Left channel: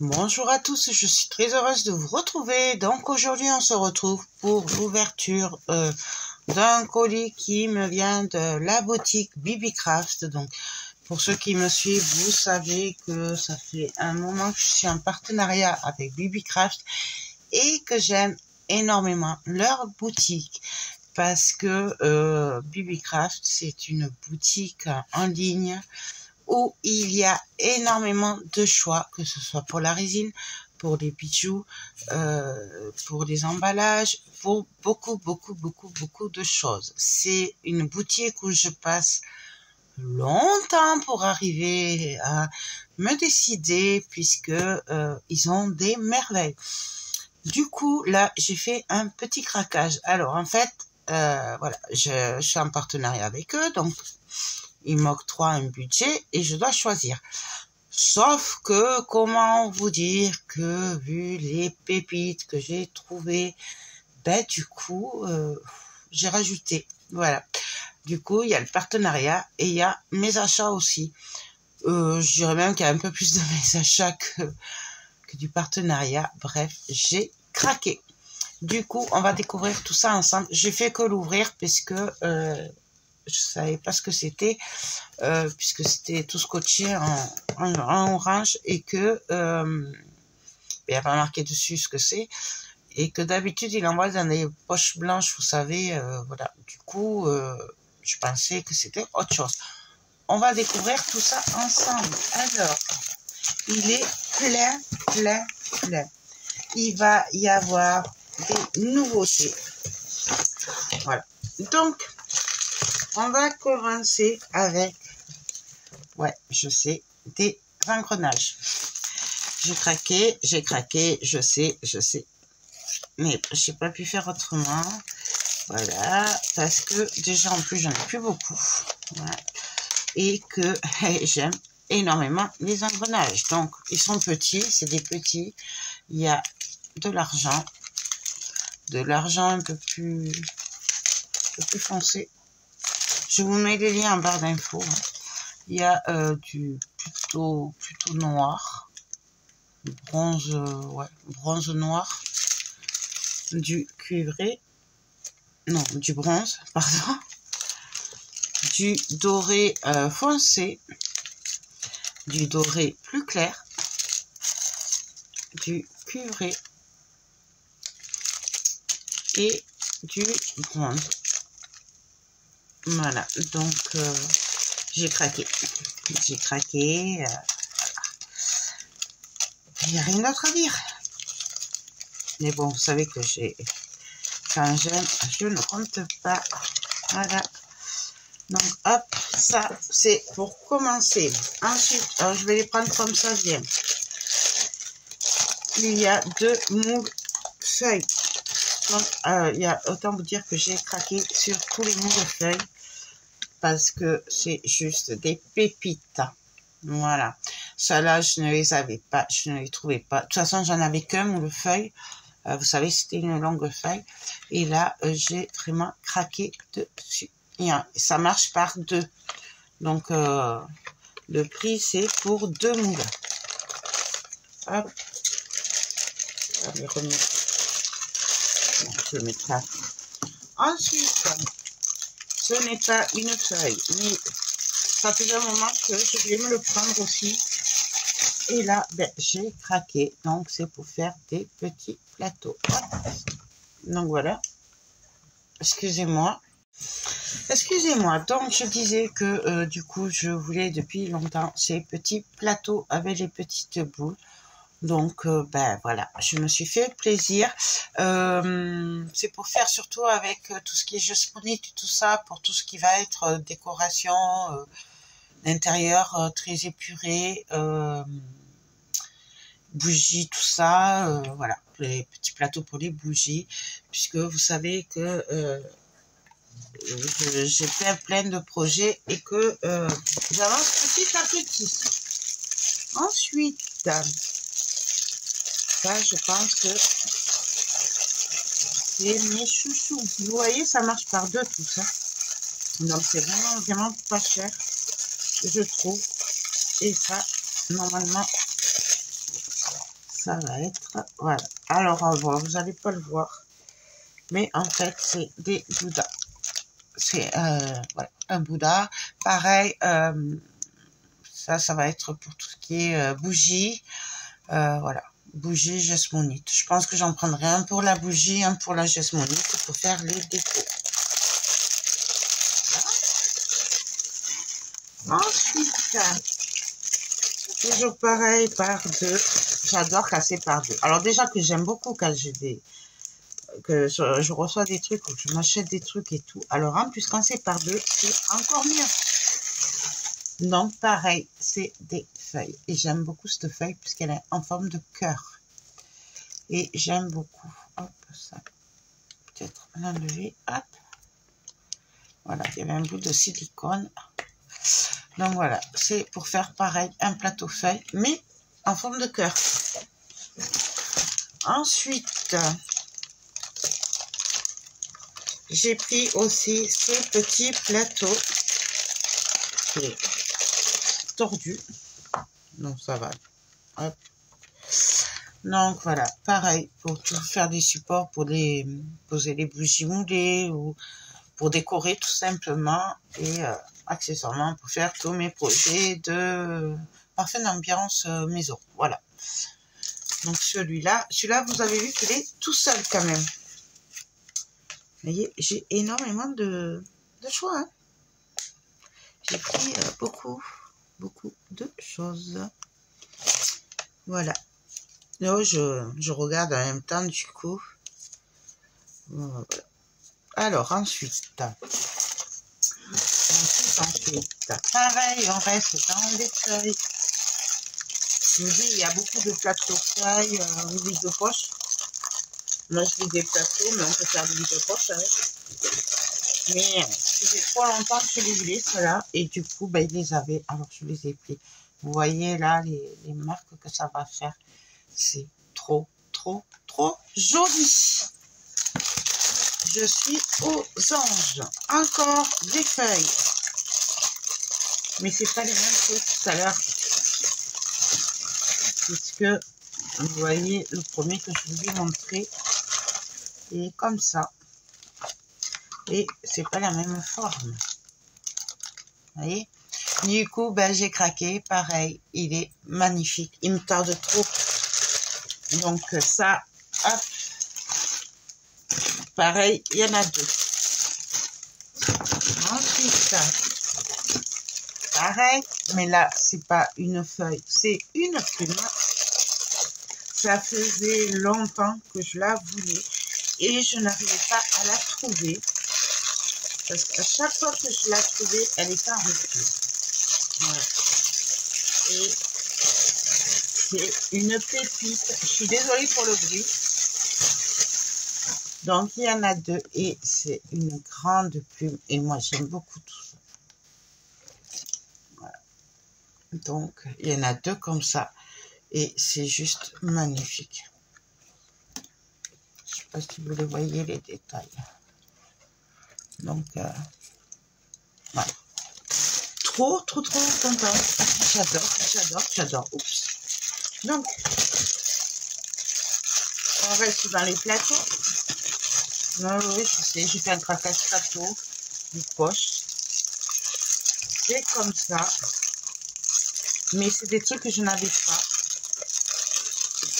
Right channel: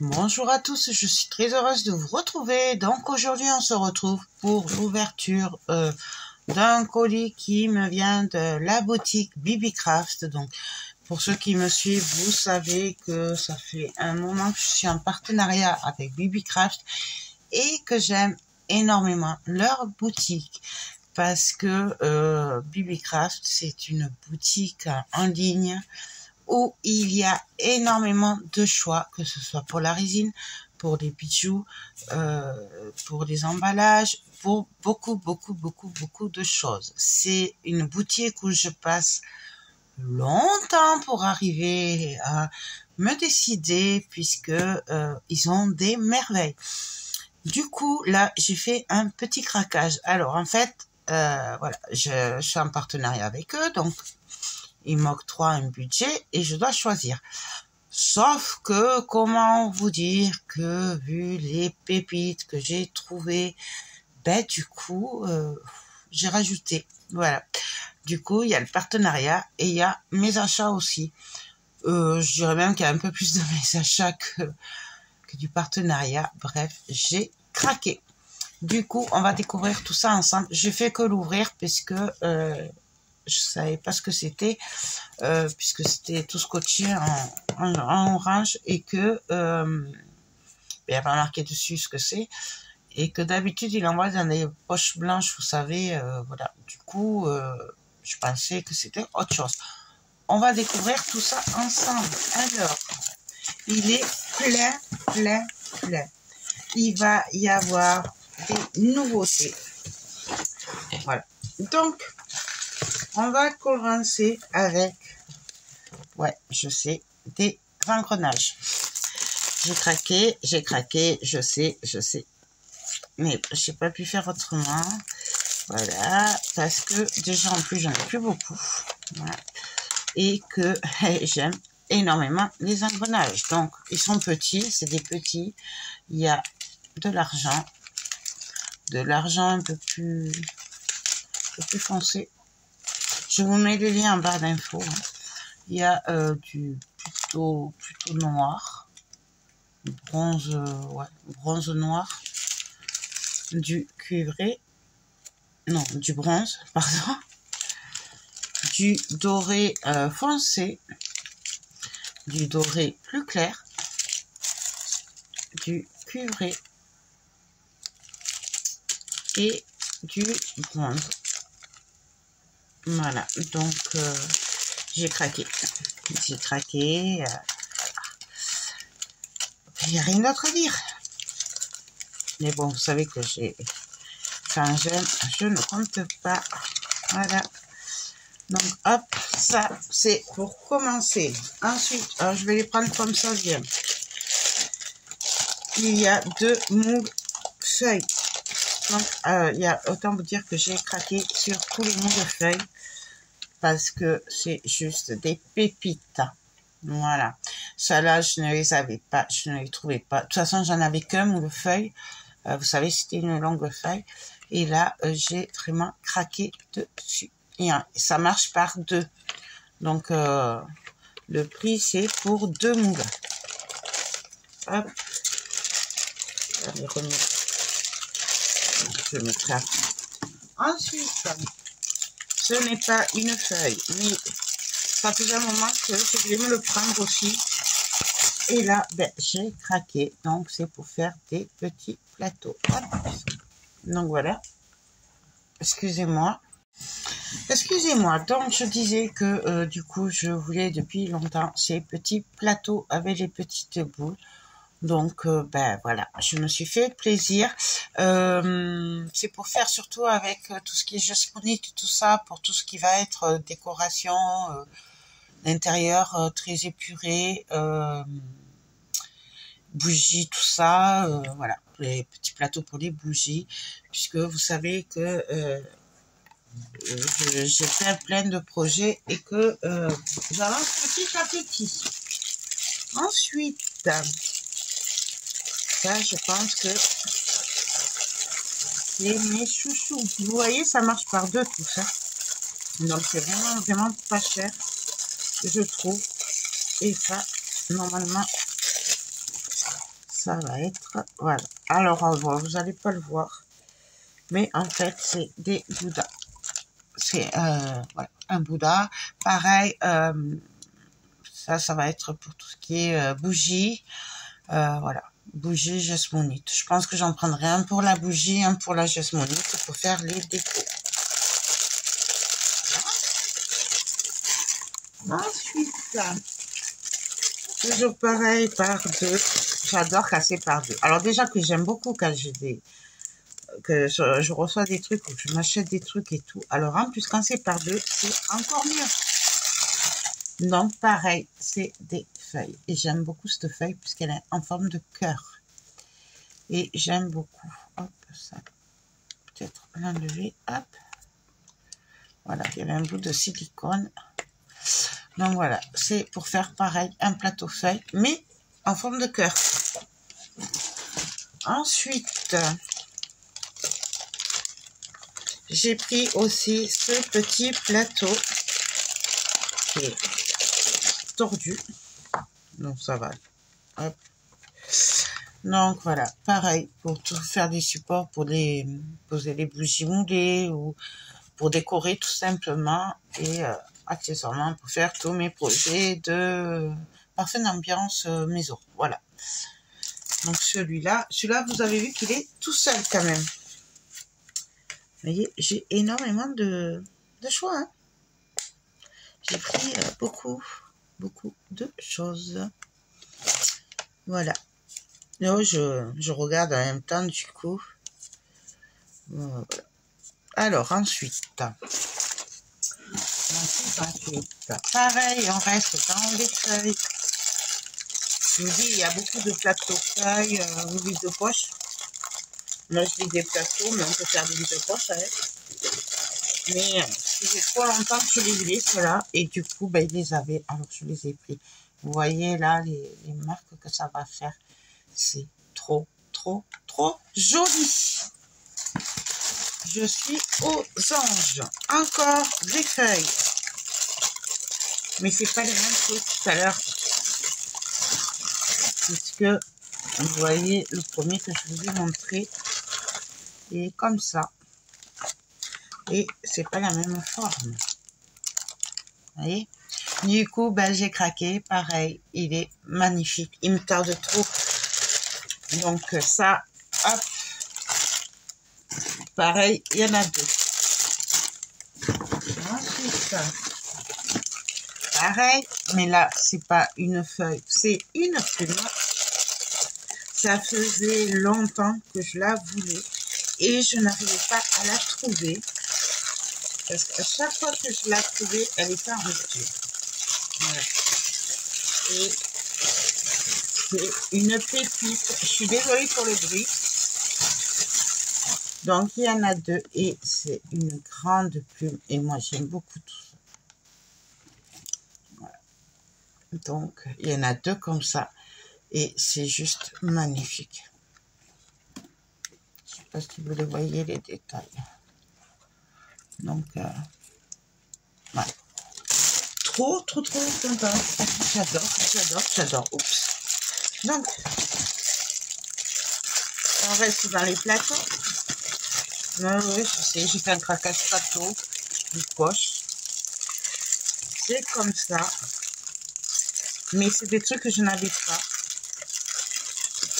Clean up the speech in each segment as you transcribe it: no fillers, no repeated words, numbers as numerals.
Bonjour à tous, je suis très heureuse de vous retrouver. Donc aujourd'hui on se retrouve pour l'ouverture d'un colis qui me vient de la boutique BBcraft. Donc pour ceux qui me suivent, vous savez que ça fait un moment que je suis en partenariat avec BBcraft et que j'aime énormément leur boutique parce que BBcraft c'est une boutique en ligne où il y a énormément de choix, que ce soit pour la résine, pour les bijoux, pour les emballages, pour beaucoup de choses. C'est une boutique où je passe longtemps pour arriver à me décider puisque ils ont des merveilles. Du coup, là, j'ai fait un petit craquage. Alors, en fait, voilà, je suis en partenariat avec eux, donc ils m'octroient un budget et je dois choisir. Sauf que, comment vous dire que, vu les pépites que j'ai trouvées, du coup, j'ai rajouté. Voilà. Du coup, il y a le partenariat et il y a mes achats aussi. Je dirais même qu'il y a un peu plus de mes achats que du partenariat. Bref, j'ai craqué. Du coup, on va découvrir tout ça ensemble. J'ai fait que l'ouvrir puisque je savais pas ce que c'était, puisque c'était tout scotché en orange et que il n'y a pas marqué dessus ce que c'est, et que d'habitude il envoie dans des poches blanches, vous savez, voilà. Du coup, je pensais que c'était autre chose. On va découvrir tout ça ensemble. Alors, il est plein. Il va y avoir des nouveautés. Voilà. Donc, on va commencer avec, ouais, je sais, des engrenages. J'ai craqué, je sais. Mais j'ai pas pu faire autrement. Voilà, parce que déjà en plus j'en ai plus beaucoup. Voilà. Et que j'aime énormément les engrenages. Donc, ils sont petits, c'est des petits. Il y a de l'argent un peu plus foncé. Je vous mets les liens en barre d'infos. Hein. Il y a du plutôt noir, bronze noir, du cuivré, non, du bronze, pardon, du doré foncé, du doré plus clair, du cuivré et du bronze. Voilà, donc j'ai craqué. Voilà. Il n'y a rien d'autre à dire. Mais bon, vous savez que quand j'aime, je ne compte pas. Voilà. Donc, hop, ça, c'est pour commencer. Ensuite, alors, je vais les prendre comme ça vient. Il y a 2 moules feuilles. Donc, il y a, autant vous dire que j'ai craqué sur tous les moules feuilles. Parce que c'est juste des pépites. Voilà. Ça là, je ne les avais pas, je ne les trouvais pas. De toute façon, j'en avais qu'un moule feuille. Vous savez, c'était une longue feuille. Et là, j'ai vraiment craqué dessus. Et ça marche par 2. Donc, le prix, c'est pour 2 moules. Hop. Je vais les remettre. Je le mettrai après. Ensuite, ce n'est pas une feuille, mais ça faisait un moment que je voulais me le prendre aussi. Et là, j'ai craqué. Donc, c'est pour faire des petits plateaux. Hop. Donc, voilà. Excusez-moi. Donc, je disais que, du coup, je voulais depuis longtemps ces petits plateaux avec les petites boules. Donc, voilà, je me suis fait plaisir. C'est pour faire surtout avec tout ce qui est jasmonite, tout ça, pour tout ce qui va être décoration, d'intérieur très épuré, bougies, tout ça, voilà, les petits plateaux pour les bougies, puisque vous savez que j'ai plein de projets et que j'avance petit à petit. Ensuite, ça, je pense que c'est mes chouchous. Vous voyez, ça marche par 2 tout ça. Donc, c'est vraiment pas cher, je trouve. Et ça, normalement, ça va être, voilà. Alors, vous n'allez pas le voir, mais en fait, c'est des Bouddhas. C'est voilà, un Bouddha. Pareil, ça va être pour tout ce qui est bougie. Voilà, bougie jasmonite. Je pense que j'en prendrai un pour la bougie, un pour la jasmonite pour faire les décos. Ensuite, toujours pareil, par deux. J'adore casser par deux. Alors déjà que j'aime beaucoup quand j'ai que je reçois des trucs ou que je m'achète des trucs et tout. Alors en plus quand c'est par deux, c'est encore mieux. Donc pareil, c'est des feuilles. Et j'aime beaucoup cette feuille puisqu'elle est en forme de cœur. Et j'aime beaucoup. Hop, ça. Peut-être l'enlever. Hop. Voilà, il y avait un bout de silicone. Donc voilà, c'est pour faire pareil, un plateau feuille, mais en forme de cœur. Ensuite, j'ai pris aussi ce petit plateau qui est tordu. Donc ça va. Hop. Donc voilà, pareil, pour tout faire des supports, pour les poser les bougies moulées ou pour décorer tout simplement et accessoirement pour faire tous mes projets de parfum d'ambiance maison. Voilà. Donc celui-là, vous avez vu qu'il est tout seul quand même. Vous voyez, j'ai énormément de choix. Hein. J'ai pris beaucoup de choses. Voilà. Là, je regarde en même temps du coup. Voilà. Alors ensuite, pareil, on reste dans les feuilles. Je vous dis, il y a beaucoup de plateaux feuilles, ou vide de poche. Moi, je dis des plateaux, mais on peut faire des vides de poche avec. Mais ça fait trop longtemps que je les voulais, ceux-là. Et du coup, ben, ils les avaient. Alors, je les ai pris. Vous voyez là, les marques que ça va faire. C'est trop joli. Je suis aux anges. Encore des feuilles. Mais c'est pas les mêmes que tout à l'heure. Puisque, vous voyez, le premier que je vous ai montré est comme ça. Et c'est pas la même forme. Vous voyez? Du coup, ben, j'ai craqué. Pareil, il est magnifique. Il me tarde trop. Donc ça, hop. Pareil, il y en a deux. Ensuite, pareil, mais là, c'est pas une feuille, c'est une plume. Ça faisait longtemps que je la voulais et je n'arrivais pas à la trouver. Parce qu'à chaque fois que je la trouvais, elle était en rupture. Voilà. Et c'est une pépite. Je suis désolée pour le bruit. Donc, il y en a deux et c'est une grande plume. Et moi, j'aime beaucoup tout ça. Voilà. Donc, il y en a deux comme ça. Et c'est juste magnifique. Je ne sais pas si vous les voyez, les détails. Donc, voilà. Trop contente. J'adore. Oups. Donc, on reste dans les plateaux. Oui, je sais, j'ai fait un craquage plateau, une poche. C'est comme ça. Mais c'est des trucs que je n'avais pas.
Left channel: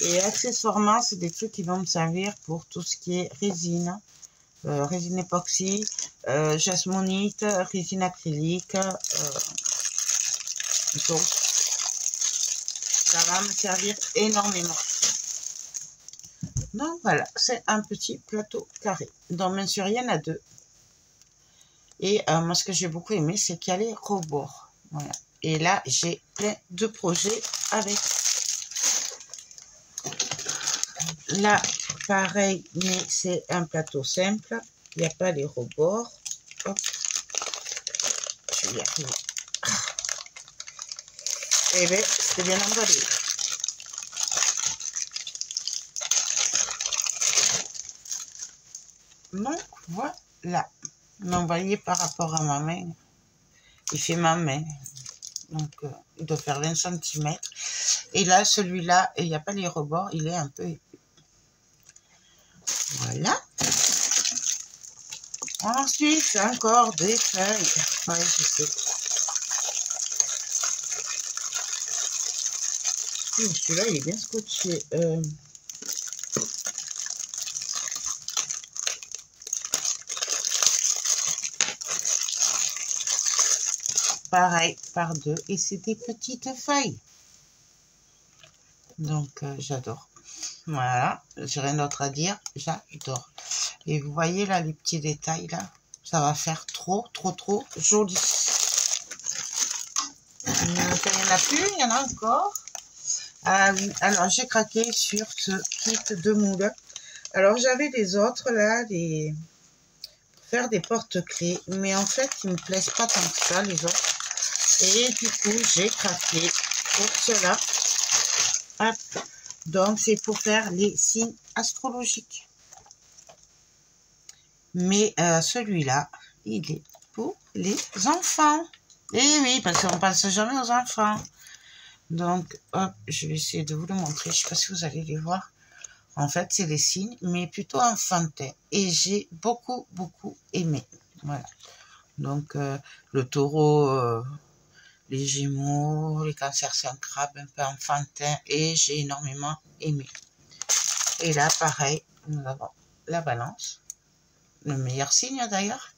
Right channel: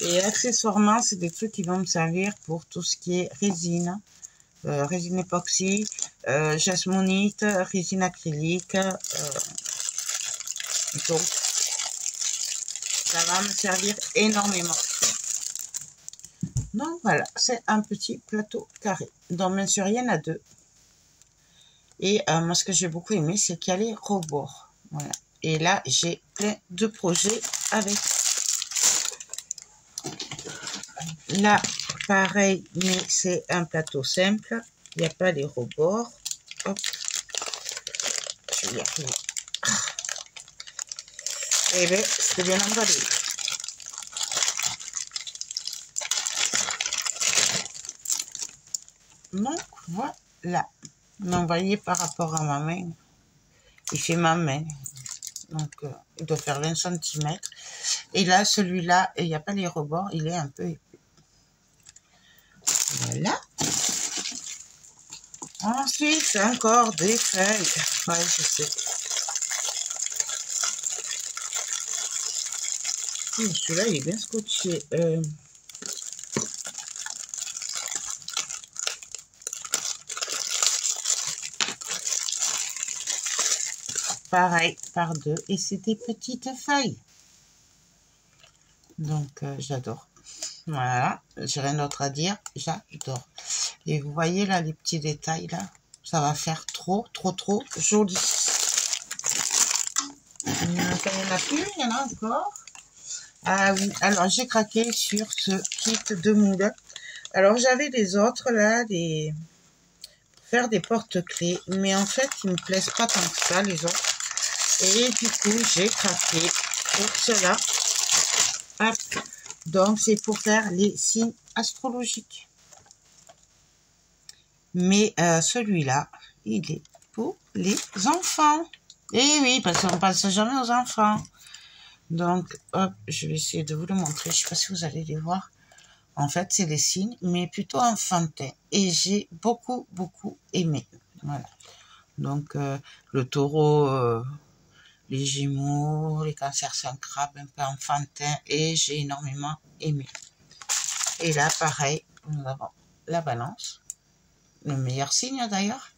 Et accessoirement, c'est des trucs qui vont me servir pour tout ce qui est résine. Résine époxy, jasmonite, résine acrylique. Donc, ça va me servir énormément. Donc voilà, c'est un petit plateau carré. Donc bien sûr, il y en a deux. Et moi, ce que j'ai beaucoup aimé, c'est qu'il y a les rebords. Voilà. Et là, j'ai plein de projets avec. Là, pareil, mais c'est un plateau simple. Il n'y a pas les rebords. Hop. Je vais y arriver. Et bien, c'est bien emballé. Donc, voilà. Donc, vous voyez, par rapport à ma main, il fait ma main. Donc, il doit faire 20 cm. Et là, celui-là, il n'y a pas les rebords, il est un peu épais. Voilà. Ensuite, encore des feuilles. Ouais, je sais. Celui-là, il est bien scotché. Pareil, par deux. Et c'est des petites feuilles. Donc, j'adore. Voilà, j'ai rien d'autre à dire. J'adore. Et vous voyez là, les petits détails là. Ça va faire trop joli. Il n'y en a plus, il y en a encore. Ah oui, alors j'ai craqué sur ce kit de moule. Alors j'avais les autres là, faire des porte-clés, mais en fait ils me plaisent pas tant que ça les autres. Et du coup j'ai craqué pour cela. Hop. Donc c'est pour faire les signes astrologiques. Mais celui-là, il est pour les enfants. Et oui, parce qu'on passe jamais aux enfants. Donc, hop, je vais essayer de vous le montrer. Je ne sais pas si vous allez les voir. En fait, c'est les signes, mais plutôt enfantins. Et j'ai beaucoup aimé. Voilà. Donc, le taureau, les gémeaux, les cancers, c'est un crabe un peu enfantin. Et j'ai énormément aimé. Et là, pareil, nous avons la balance. Le meilleur signe d'ailleurs.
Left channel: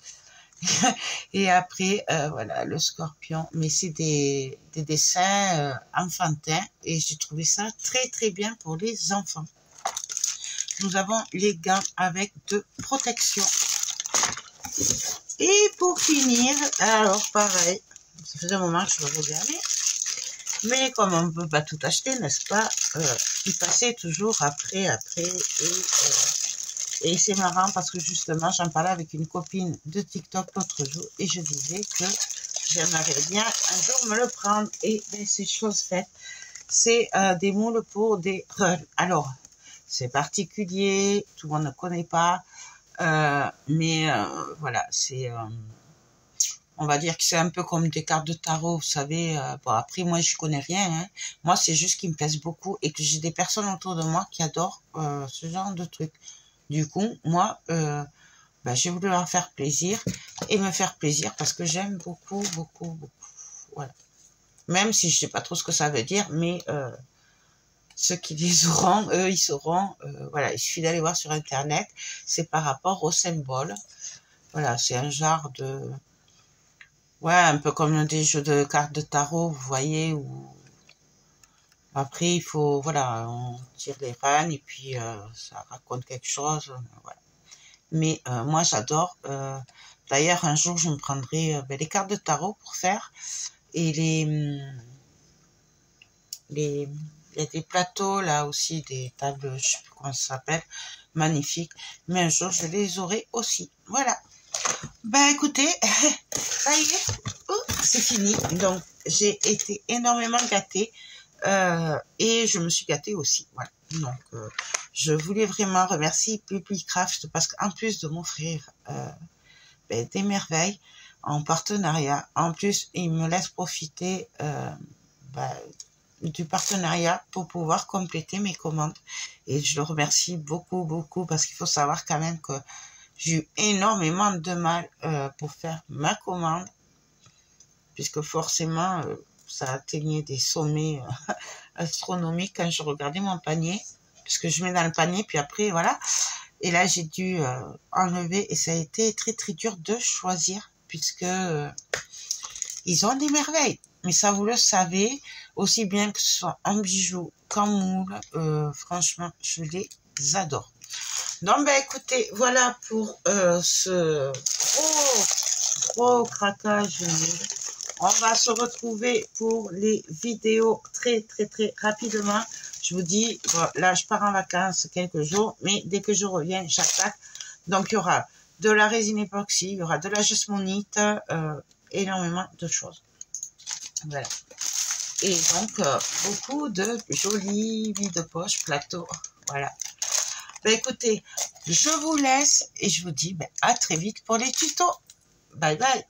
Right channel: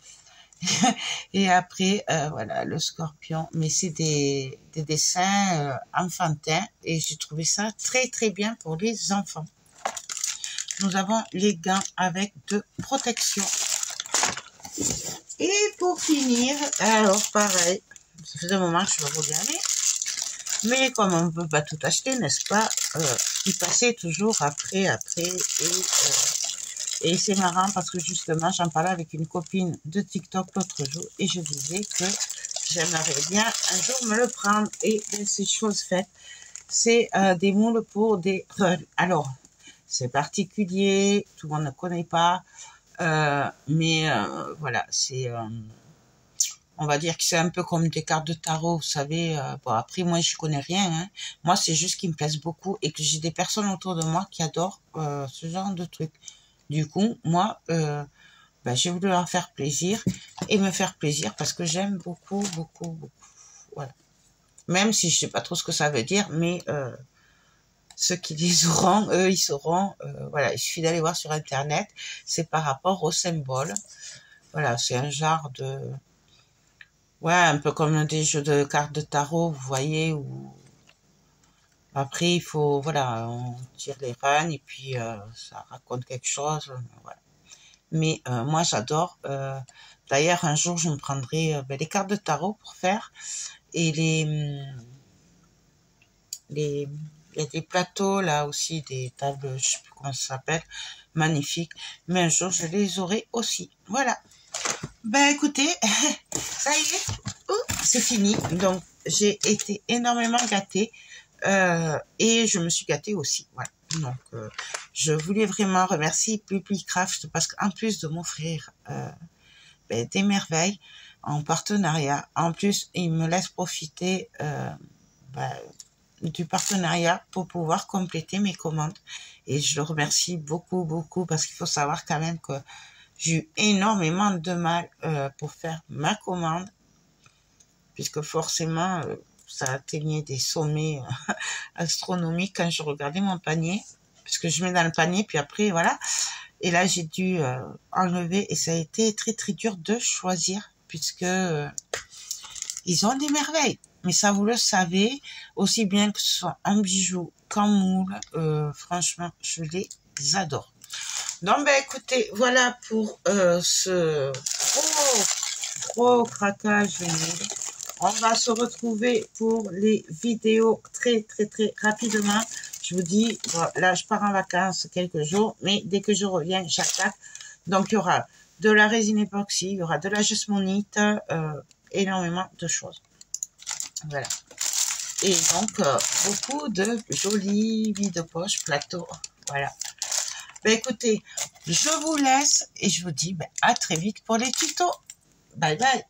Et après, voilà, le scorpion. Mais c'est des dessins enfantins. Et j'ai trouvé ça très bien pour les enfants. Nous avons les gants avec de protection. Et pour finir, alors pareil, ça faisait un moment que je me regardais. Mais comme on ne peut pas tout acheter, n'est-ce pas, il passait toujours après. Et c'est marrant parce que justement, j'en parlais avec une copine de TikTok l'autre jour et je disais que j'aimerais bien un jour me le prendre. Et c'est chose faite. C'est des moules pour des runs. Alors, c'est particulier, tout le monde ne connaît pas, mais voilà, c'est... on va dire que c'est un peu comme des cartes de tarot, vous savez. Bon, après, moi, je connais rien. Hein. Moi, c'est juste qu'ils me plaisent beaucoup et que j'ai des personnes autour de moi qui adorent ce genre de trucs. Du coup, moi, j'ai voulu leur faire plaisir et me faire plaisir parce que j'aime beaucoup. Voilà. Même si je sais pas trop ce que ça veut dire, mais ceux qui les auront, eux, ils sauront. Voilà, il suffit d'aller voir sur Internet. C'est par rapport au symbole. Voilà, c'est un genre de... Ouais, un peu comme des jeux de cartes de tarot, vous voyez, où... Après, il faut... Voilà, on tire les runs et puis ça raconte quelque chose. Voilà. Mais moi, j'adore. D'ailleurs, un jour, je me prendrai les cartes de tarot pour faire. Et il y a des plateaux, là aussi, des tables, je sais plus comment ça s'appelle, magnifiques. Mais un jour, je les aurai aussi. Voilà. Ben, écoutez, ça y est, c'est fini. Donc, j'ai été énormément gâtée. Et je me suis gâtée aussi. Voilà. Donc, je voulais vraiment remercier Bibicraft parce qu'en plus de m'offrir des merveilles en partenariat, en plus, il me laisse profiter du partenariat pour pouvoir compléter mes commandes. Et je le remercie beaucoup parce qu'il faut savoir quand même que j'ai eu énormément de mal pour faire ma commande puisque forcément... ça atteignait des sommets astronomiques quand je regardais mon panier, puisque je mets dans le panier, puis après, voilà. Et là, j'ai dû enlever, et ça a été très dur de choisir, puisque ils ont des merveilles. Mais ça, vous le savez, aussi bien que ce soit en bijoux qu'en moule, franchement, je les adore. Donc, écoutez, voilà pour ce gros craquage. On va se retrouver pour les vidéos très rapidement. Je vous dis, là, je pars en vacances quelques jours, mais dès que je reviens, j'attaque. Donc, il y aura de la résine époxy, il y aura de la jasmonite, énormément de choses. Voilà. Et donc, beaucoup de jolis vide-poche plateaux. Voilà. Écoutez, je vous laisse et je vous dis à très vite pour les tutos. Bye bye.